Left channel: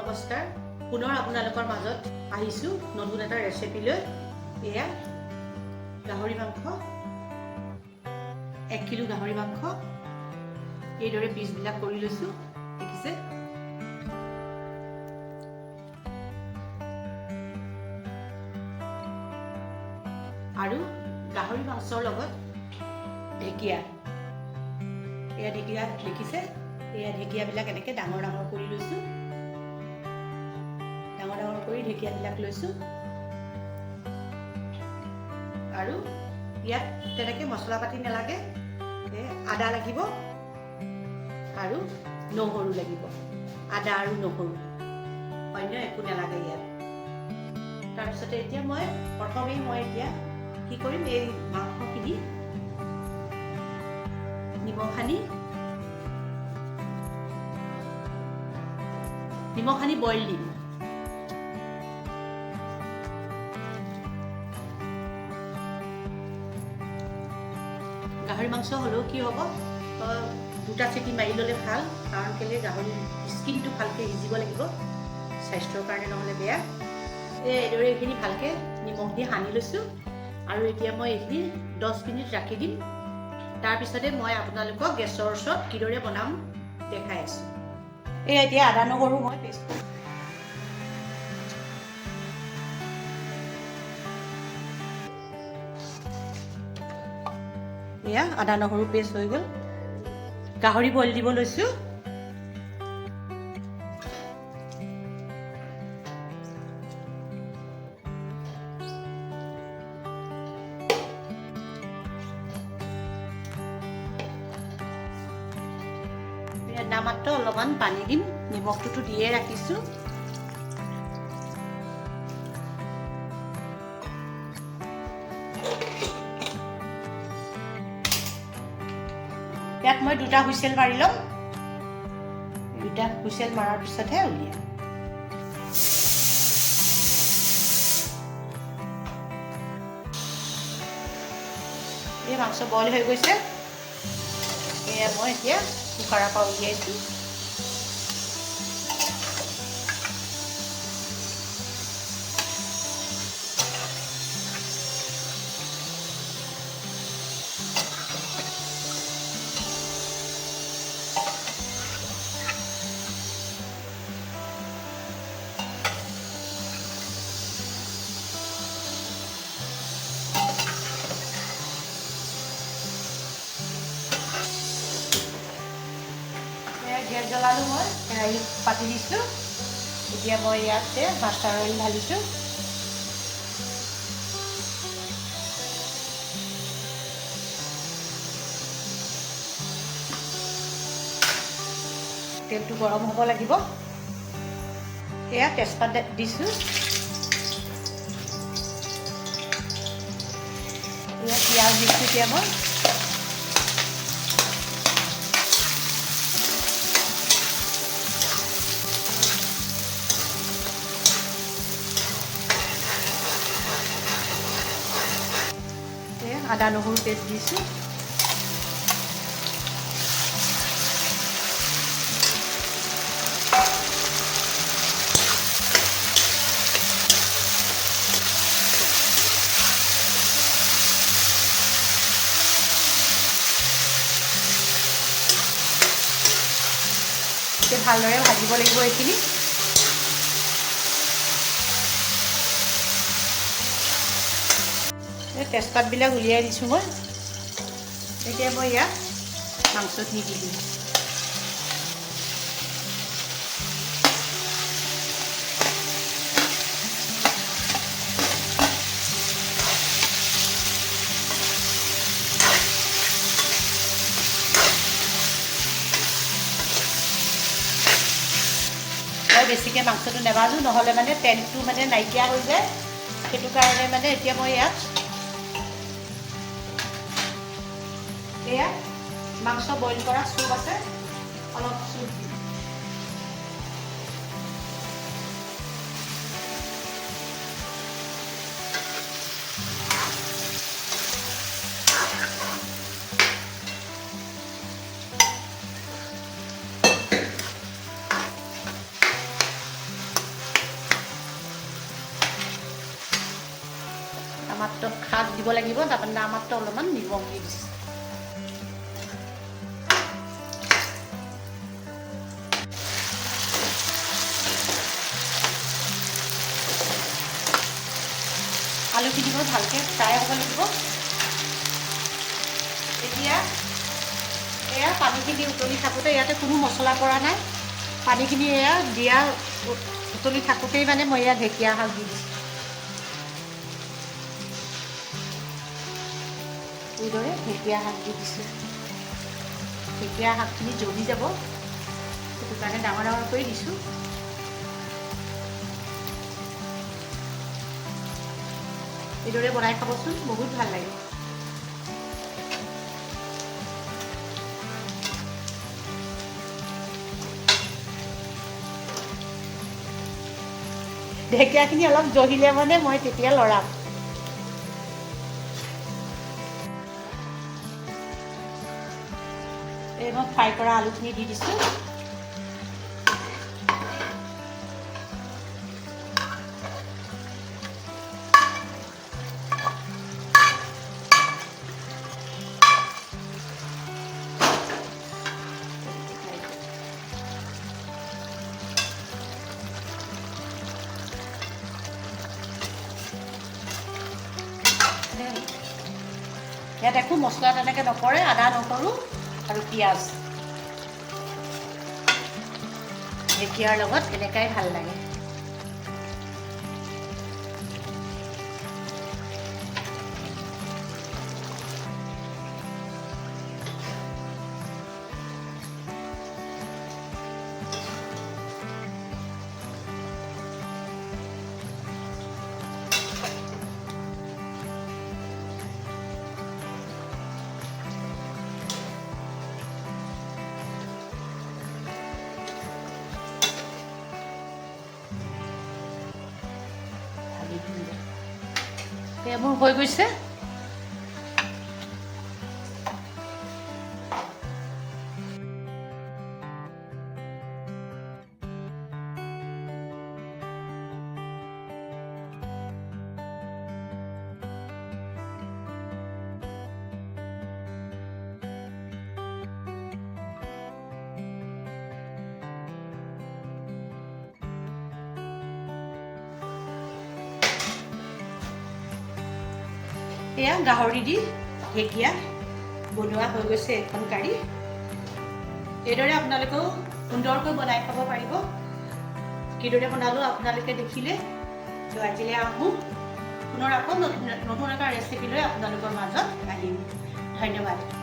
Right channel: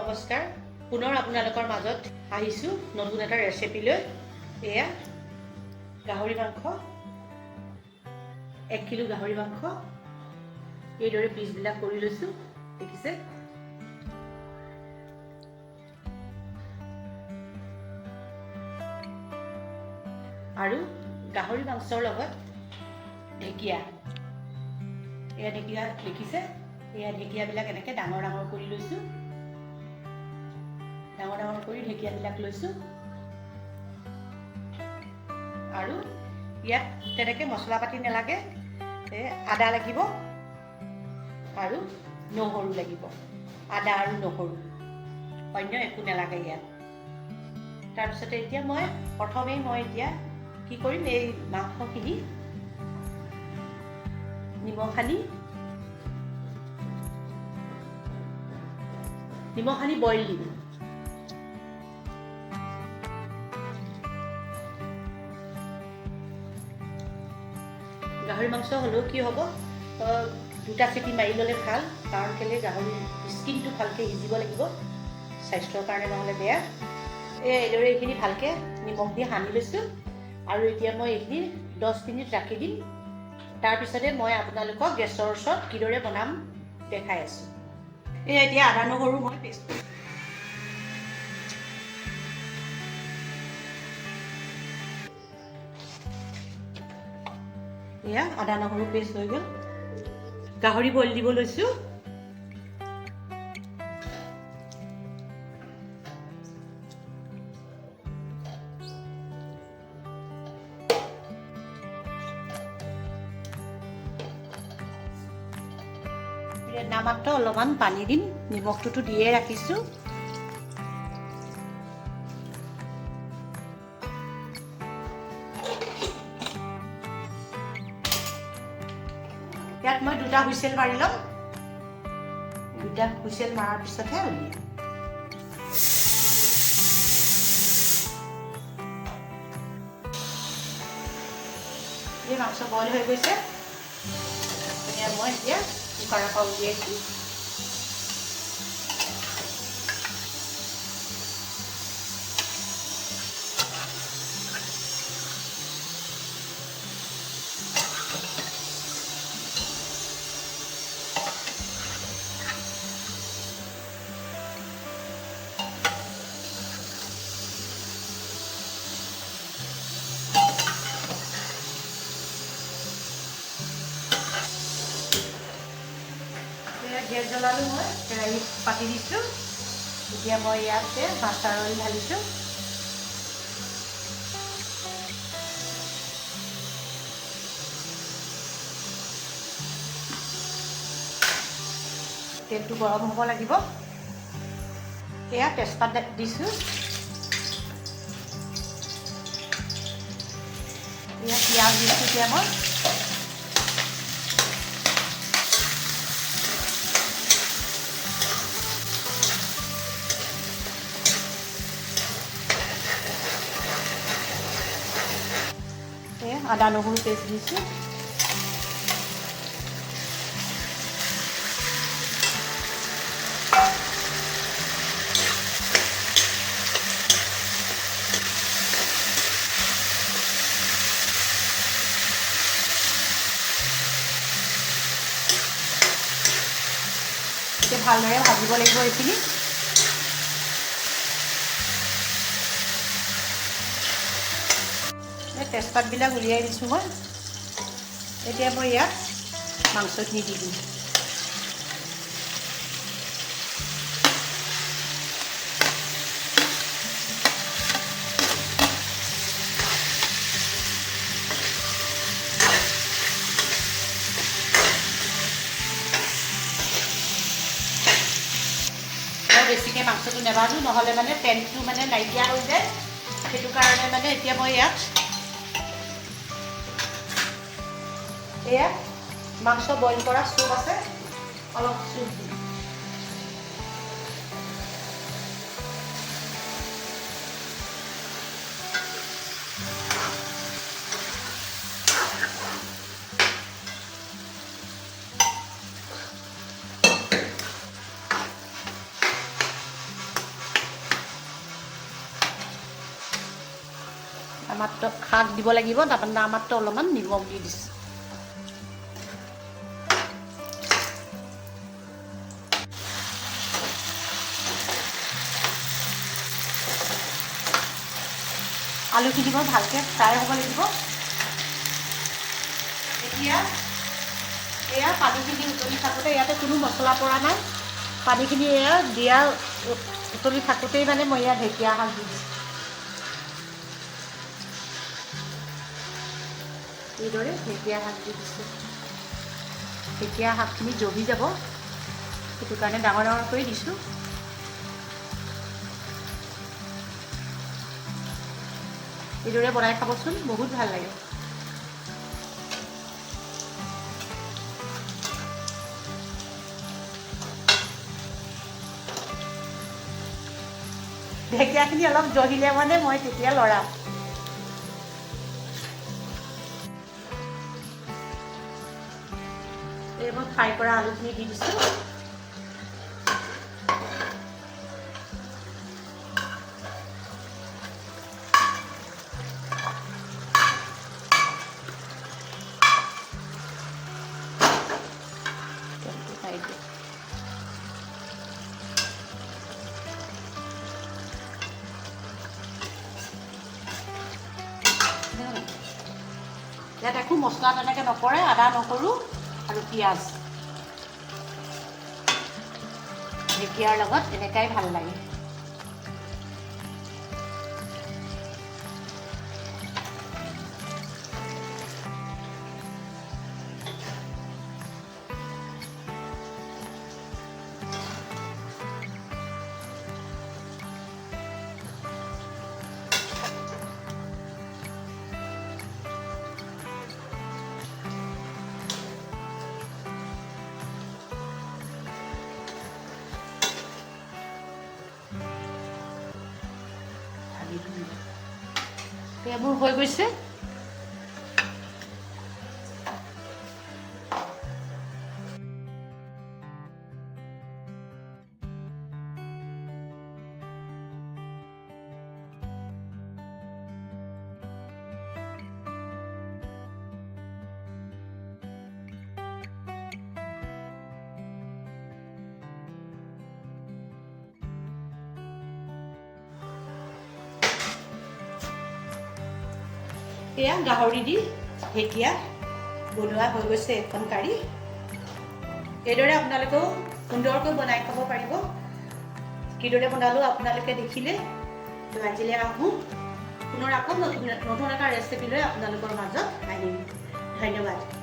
নমস্কাৰ পুনৰ আপোনালোকৰ মাজত আহিছোঁ নতুন এটা ৰেচিপি লৈ এয়া গাহৰি মাংস 1 কিলো গাহৰি মাংস এইদৰে পিচবিলাক কৰি লৈছোঁ দেখিছে আৰু গাহৰি মাংসৰ লগত ঢেকিয়া এয়া ঢেকিয়া দেখিছে এয়া ঢেকিয়াবিলাক এনেকৈ ডাঙৰ ডাঙৰ কৰি লৈছোঁ ডাঙৰ ডাঙৰ কৰি ঢেকিয়াবিলাক লৈছোঁ আৰু ইয়াত তেনেকৈ মছলা পাতি নালাগে আদা লাগিব আৰু নহৰু লাগিব আদা আৰু নহৰু অন্য একো নালাগে ইয়াত তাৰপিছতে এতিয়া প্ৰথমে এতিয়া কি কৰিম এই মাংসখিনি নিমখ সানি বইল দিম গাহৰি মাংস হ'লেও কি হ'ব দুটা চিটি মাৰি ল'লে ভাল কাৰণ কেলে গাহৰি স্কিনটো ভালকৈ সিজিব লাগিব স্বাস্থ্যৰ কাৰণে নহ'লে বেয়া এইদৰে এইখিনি ভালকৈ নিমখ দি সানি লৈছোঁ আৰু এতিয়া মই এইখিনি 10 মিনিট ৰাখি দিম তাৰপিছতে মই আপোনালোকক গেছৰ ওচৰত কিদৰে বনাম দেখাই আছোঁ এতিয়া আদা নহৰু মই পেষ্ট কৰিম এয়া আদা নহৰু পেষ্ট হৈ গ'ল গাহৰি বইল দিব লৈছোঁ নামাত্ৰ অলপমান পানী দিম নিমখটোতো দিয়ে ৰাখিছোঁ ইয়াত মই 2টা হুইচেল মাৰি ল'ম 2টা হুইচেল মৰাৰ পিছতহে উলিয়াম এই মাংস বইল হৈ গৈছে এয়া মই এতিয়া কুকাৰৰ পৰা উলিয়াইছোঁ গেছ জ্বলালোঁ মই কেৰাহীত পাতি দিছোঁ এতিয়া মই ইয়াতে মাষ্টাৰ অইল ঢালিছোঁ তেলটো গৰম হ'ব লাগিব এয়া তেজপাত দিছোঁ এয়া পিঁয়াজ দিছোঁ এতিয়া মই আদা নহৰু পেষ্ট দিছোঁ এতিয়া ভালদৰে ভাজিব লাগিব এইখিনি তেজপাতবিলাক উলিয়াই দিছোঁ মই এতিয়া মই ইয়াত মাংসখিনি দি দিম বেছিকৈ মাংসটো নেভাজোঁ নহ'লে তেলটো নাইকিয়া হৈ যায় সেইটো কাৰণে এতিয়া মই ইয়াত এয়া মাংস বইল কৰা চুপ আছে অলপ চুপ দিম নামাত্ৰ শাক দিব লাগিব, তাৰপৰা নামাত্ৰ অলপমান নিমখ দি দিছোঁ। আলুখিনি বৰ ভালকৈ ফ্ৰাই হ'ব লাগিব। এতিয়া এয়া পানীখিনি উতলি থাকোঁতে, ইয়াতে কোনো মছলা পৰা নাই, পানীখিনি এয়া দিয়া উতলি থাকোঁতেই মানে মই ইয়াত ঢেকীয়া শাক দি দিছোঁ। এইদৰে ঢেকীয়া শাক দি দিছোঁ। ঢেকীয়া শাকখিনি জমি যাব, সেইটো কাৰণে ডাঙৰ ডাঙৰ কৰি দিছোঁ। এইদৰে বনাই খাবচোন, বহুত ভাল লাগে। ঢেকীয়াখিনি অলপ জহিলে মানে মই তেতিয়া লৰাম। এই মই ফ্ৰাই কৰা আলুখিনি দি দিছোঁ। ইয়াত একো মছলা তেনেকৈ নপৰে, আদা নহৰু আৰু পিঁয়াজ। ঢেকীয়াৰ লগত এনেকাই ভাল লাগে। মোৰ হৈ গৈছে। এয়া গাহৰি দি ঢেকীয়া বনোৱা হৈ গৈছে এখন কাৰী। এইদৰে আপোনালোকেও সুন্দৰকৈ বনাই খাব পাৰিব। কিদৰে বনালোঁ আপোনালোকে দেখিলে। তো আজিলৈ আহোঁ, পুনৰ আকৌ নতুন এটা ৰেচিপি লৈ আপোনালোকৰ মাজত আহিম। ধন্যবাদ।